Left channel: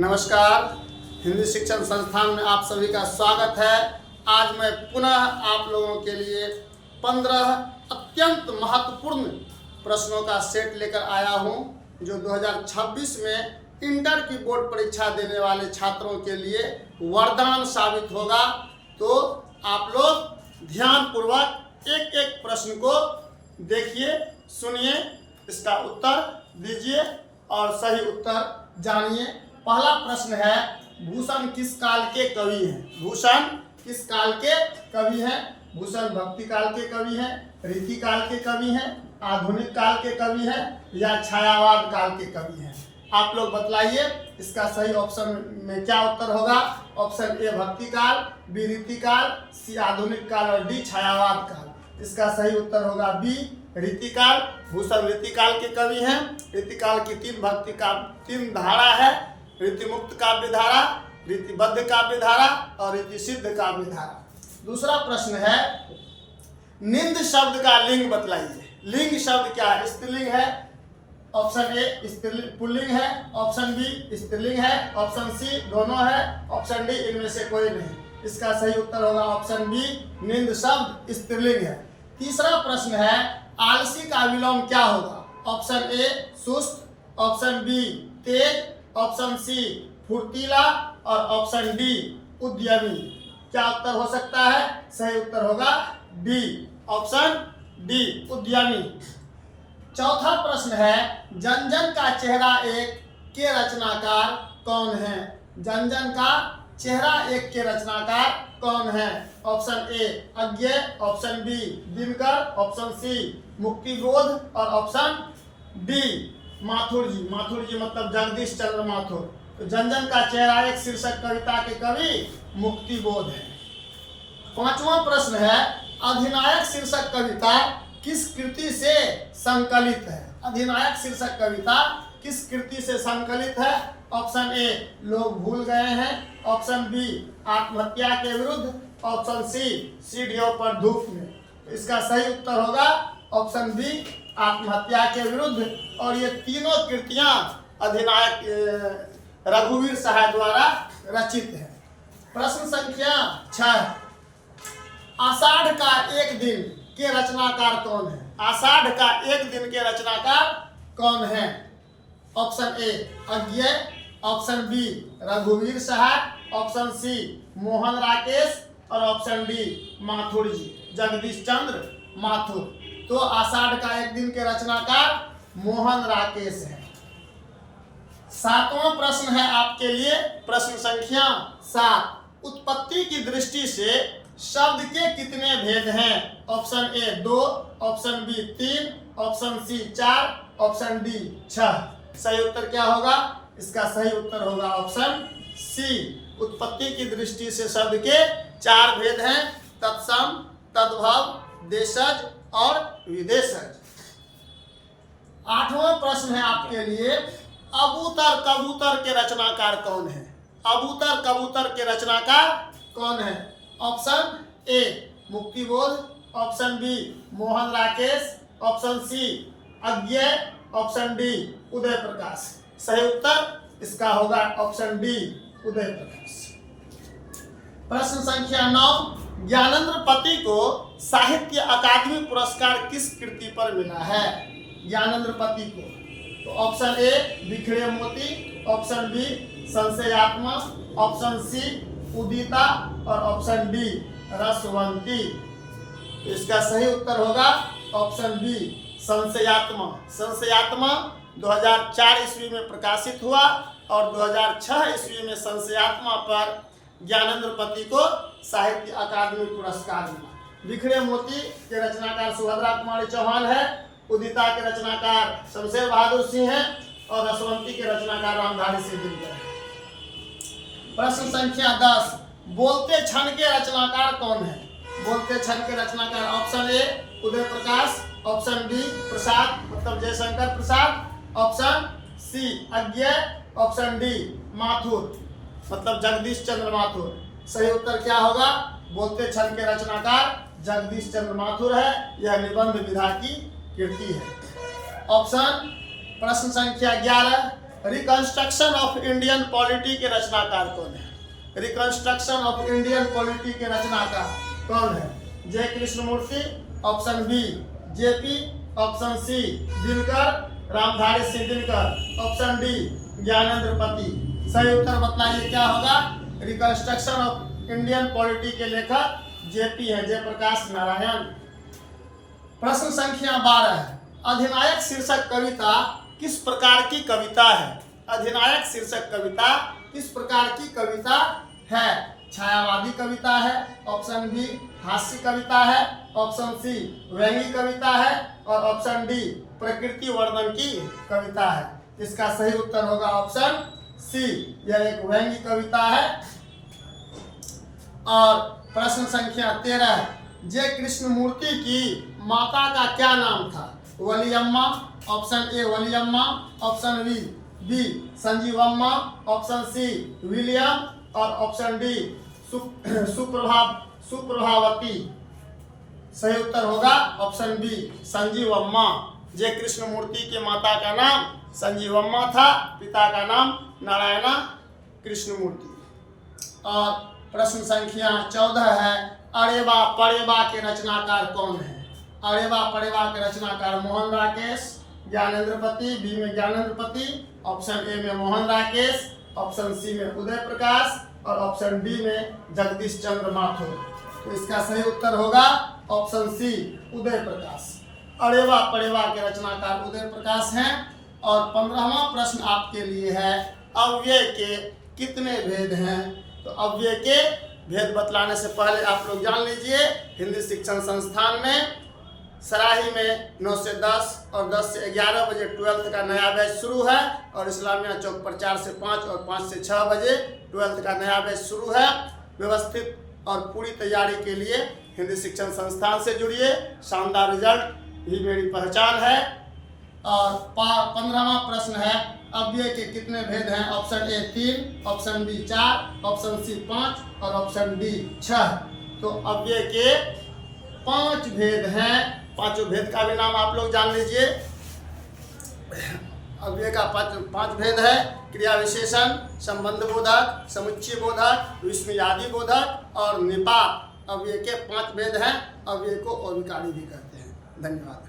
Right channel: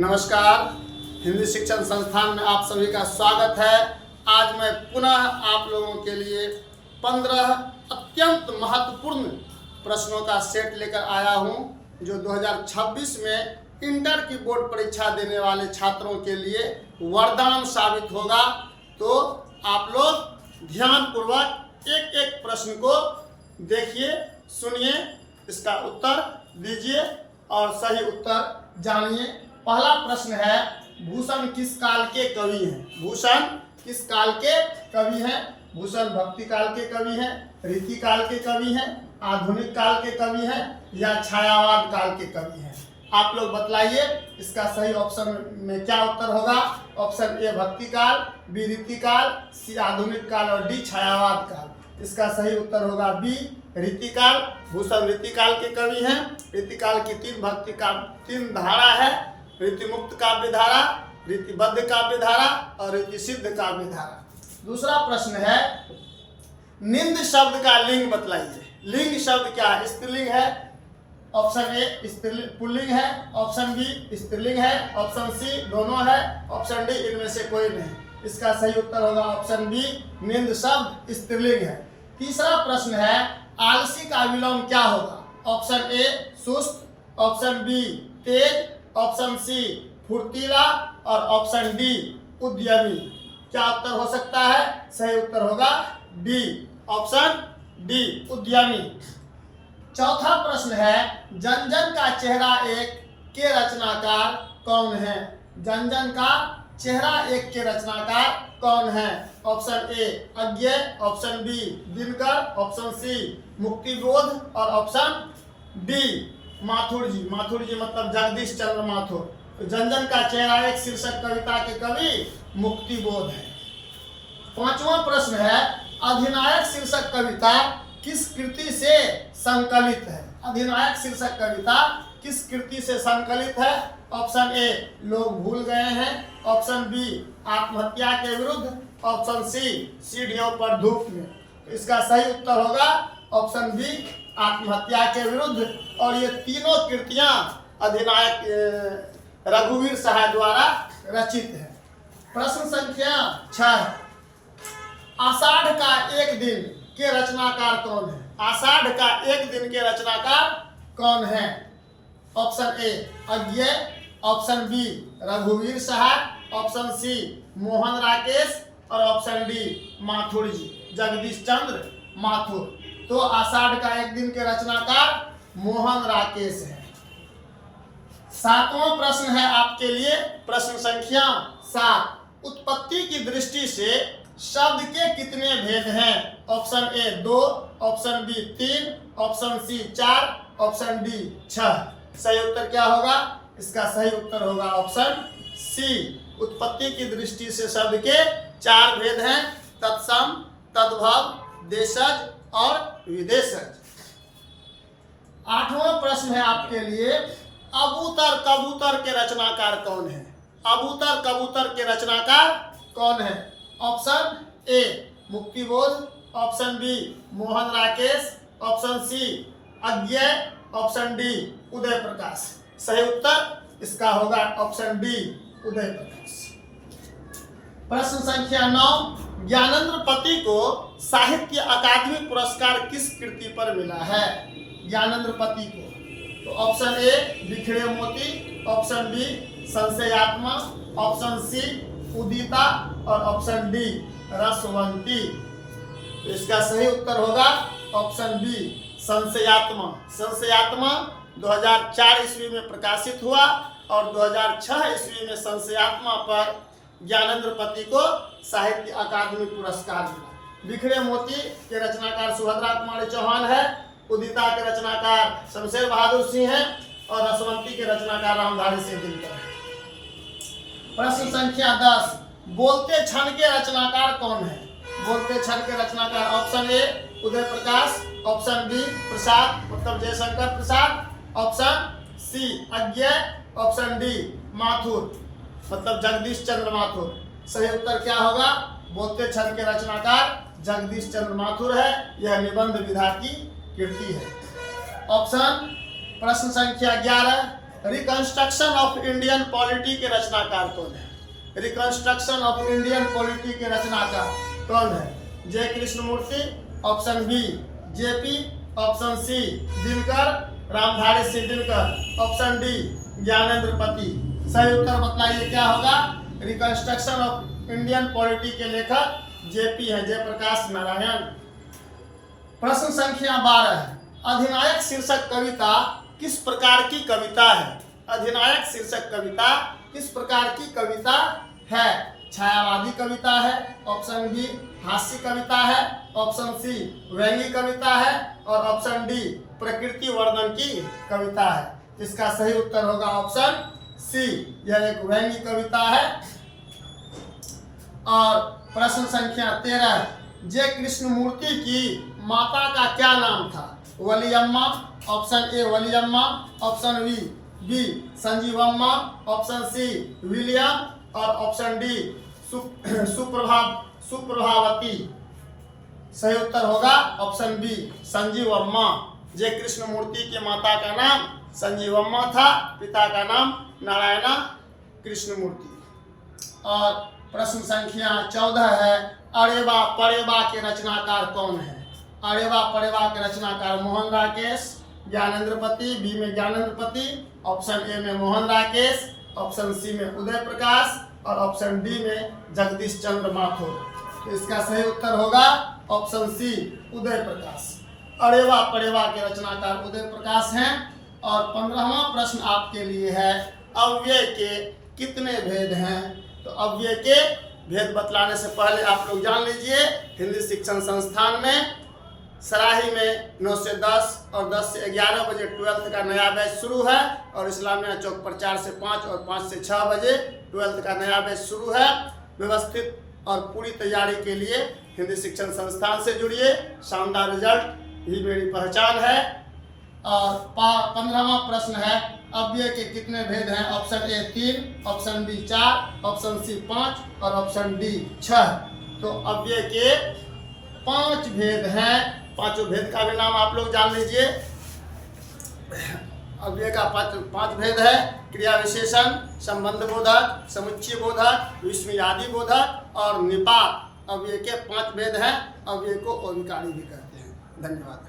नमस्कार, हिंदी शिक्षण संस्थान में आप सभी का स्वागत है। आज मैं पुनः आप लोगों के लिए 15 अत्यंत महत्वपूर्ण प्रश्नों का सेट लेकर आया हूं, जो 2026 में इंटर की बोर्ड परीक्षा देने वाले छात्रों के लिए वरदान साबित होगा। तो आप लोग ध्यानपूर्वक एक एक प्रश्न को देखिए, सुनिए, इसका उत्तर दीजिए और सही उत्तर जानिए। पहला प्रश्न है, भूषण किस काल के कवि हैं? भूषण किस काल के कवि हैं? भूषण भक्ति काल के कवि हैं, रीति काल के कवि हैं, आधुनिक काल के कवि हैं या छायावाद काल के कवि हैं? आप लोग बतलाइए, इसका सही ऑप्शन में क्या उत्तर होगा? ऑप्शन ए भक्ति काल, बी रीति काल, सी आधुनिक काल और डी छायावाद काल। इसका सही उत्तर होगा बी रीति काल। भूषण रीति काल के कवि हैं। रीति काल की तीन धारा है, रीति मुक्त काव्य धारा, रीतिबद्ध काव्य धारा और रीति सिद्ध काव्य धारा। दूसरा प्रश्न है, निंद शब्द का लिंग बतलाइए। लिंग शब्द क्या है? स्त्रीलिंग है। ऑप्शन ए पुल्लिंग है, ऑप्शन बी स्त्रीलिंग है, ऑप्शन सी दोनों है, ऑप्शन डी इनमें से कोई नहीं। इसका सही उत्तर होगा ऑप्शन बी, निंद शब्द स्त्रीलिंग है। तीसरा प्रश्न है, आलसी का विलोम क्या होगा? ऑप्शन ए सुस्त, ऑप्शन बी तेज, ऑप्शन सी फुर्तीला और ऑप्शन डी उद्यमी। क्या उत्तर हो सकता है? सही उत्तर होगा डी, ऑप्शन डी उद्यमी। चौथा प्रश्न है, जन जन का चेहरा एक के रचनाकार कौन है? जन जन का चेहरा एक के रचनाकार कौन है? Option A Agyeya, option B Dinkar, option C Muktibodh और ऑप्शन डी माथुर जी। माथुर जी मतलब जगदीश चंद्र माथुर। तो जन जन का चेहरा एक शीर्षक कविता के कवि मुक्तिबोध है। पांचवा प्रश्न है, अधिनायक शीर्षक कविता किस कृति से संकलित है? अधिनायक शीर्षक कविता किस कृति से संकलित है? ऑप्शन ए लोग भूल गए हैं, ऑप्शन बी आत्महत्या के विरुद्ध, ऑप्शन सी सीढ़ियों पर धूप में। तो इसका सही उत्तर होगा ऑप्शन बी आत्महत्या के विरुद्ध। और ये तीनों कृतियां अधिनायक रघुवीर सहाय द्वारा रचित है। प्रश्न संख्या 6, आषाढ़ का एक दिन के रचनाकार कौन है? आषाढ़ का एक दिन के रचनाकार कौन है? Option A Agyeya, option B रघुवीर सहाय, ऑप्शन सी मोहन राकेश और ऑप्शन डी माथुर जी, जगदीश चंद्र माथुर। तो आषाढ़ का एक दिन के रचनाकार मोहन राकेश है। सातवां प्रश्न है आपके लिए, प्रश्न संख्या 7, उत्पत्ति की दृष्टि से शब्द के कितने भेद हैं? Option A 2, option B 3, option C 4, option D 6। सही उत्तर क्या होगा? इसका सही उत्तर होगा ऑप्शन सी, उत्पत्ति की दृष्टि से शब्द के 4 भेद हैं, तत्सम, तद्भव, देशज और विदेशज। 8वां प्रश्न है आपके लिए, अबूतर कबूतर के रचनाकार कौन है? अबूतर कबूतर के रचनाकार कौन है? Option A Muktibodh, option B Mohan Rakesh, option C Agyeya, option D Uday Prakash. सही उत्तर इसका होगा ऑप्शन डी उदय प्रकाश। प्रश्न संख्या 9, ज्ञानेंद्र को साहित्य अकादमी पुरस्कार किस कृति पर मिला है? ज्ञानेंद्र को तो ऑप्शन ए बिखरे मोती, ऑप्शन बी संशयात्मा, ऑप्शन सी उदिता और ऑप्शन डी रसवंती। तो इसका सही उत्तर होगा ऑप्शन बी संशयात्मा। संशयात्मा 2004 ईस्वी में प्रकाशित हुआ और 2006 ईस्वी में संशयात्मा पर ज्ञानेंद्र को साहित्य अकादमी पुरस्कार मिला। बिखरे मोती के रचनाकार सुभद्रा कुमारी चौहान है, उदिता के रचनाकार शमशेर बहादुर सिंह हैं और रसवंती के रचनाकार रामधारी सिंह दिनकर है। प्रश्न संख्या 10, बोलते क्षण के रचनाकार कौन है? बोलते क्षण के रचनाकार option A Uday Prakash, option B Prasad मतलब Jaishankar Prasad, option C Agyeya, option D Mathur मतलब जगदीश चंद्र माथुर। सही उत्तर क्या होगा? बोलते क्षण के रचनाकार जगदीश चंद्र माथुर है। यह निबंध विधा की कृति है। ऑप्शन प्रश्न संख्या 11, रिकंस्ट्रक्शन ऑफ इंडियन पॉलिटी के रचनाकार कौन है? रिकंस्ट्रक्शन ऑफ इंडियन पॉलिटी के रचनाकार कौन है? J Krishnamurti, option B JP, option C Dinkar Ramdhari Singh Dinkar, option D Gyanendra Pati. सही उत्तर बताइए क्या होगा? रिकंस्ट्रक्शन ऑफ इंडियन पॉलिटी के लेखक जेपी है, जयप्रकाश नारायण। प्रश्न संख्या 12 है, अधिनायक शीर्षक कविता किस प्रकार की कविता है? अधिनायक शीर्षक कविता किस प्रकार की कविता है? छायावादी कविता है, ऑप्शन बी हास्य कविता है, ऑप्शन सी व्यंग्य कविता है और ऑप्शन डी प्रकृति वर्णन की कविता है। इसका सही उत्तर होगा ऑप्शन सी, यह एक व्यंग्य कविता है। और प्रश्न संख्या 13, जे कृष्णमूर्ति की माता का क्या नाम था? Valiyamma, option A Valiyamma, option B Sanjeevamma, option C William और ऑप्शन डी सुप्रभावती। सही उत्तर होगा option B Sanjeevamma. J Krishnamurti की माता का नाम संजीवम्मा था, पिता का नाम नारायण कृष्णमूर्ति। और प्रश्न संख्या 14 है, अरेवा परेवा के रचनाकार कौन है? अरेवा परेवा के रचनाकार मोहन राकेश, ज्ञानेंद्र पति, बी में ज्ञानेंद्र पति, ऑप्शन ए में मोहन राकेश, ऑप्शन सी में उदय प्रकाश और ऑप्शन डी में जगदीश चंद्र माथुर। तो इसका सही उत्तर होगा ऑप्शन सी उदय प्रकाश। अरेवा परेवा के रचनाकार उदय प्रकाश हैं। और 15वां प्रश्न आपके लिए है, अव्यय के कितने भेद हैं? तो अव्यय के भेद बतलाने से पहले आप लोग जान लीजिए, हिंदी शिक्षण संस्थान में सराही में 9 से 10 और 10 से 11 बजे 12th का नया बैच शुरू है और इस्लामिया चौक पर 4 से 5 और 5 से 6 बजे 12th का नया बैच शुरू है। व्यवस्थित और पूरी तैयारी के लिए हिंदी शिक्षण संस्थान से जुड़िए, शानदार रिजल्ट ही मेरी पहचान है। और 15वां प्रश्न है, अव्यय के कितने भेद हैं? Option A 3, option B 4, option C 5 और ऑप्शन डी 6। तो अव्यय के 5 भेद हैं। पांचों भेद का भी नाम आप लोग जान लीजिए। अव्यय का 5 भेद है, क्रिया विशेषण, संबंध बोधक, समुच्चय बोधक, विस्मयादि बोधक और निपात। अव्यय के 5 भेद हैं। अव्यय को अविकारी भी कहते हैं। धन्यवाद।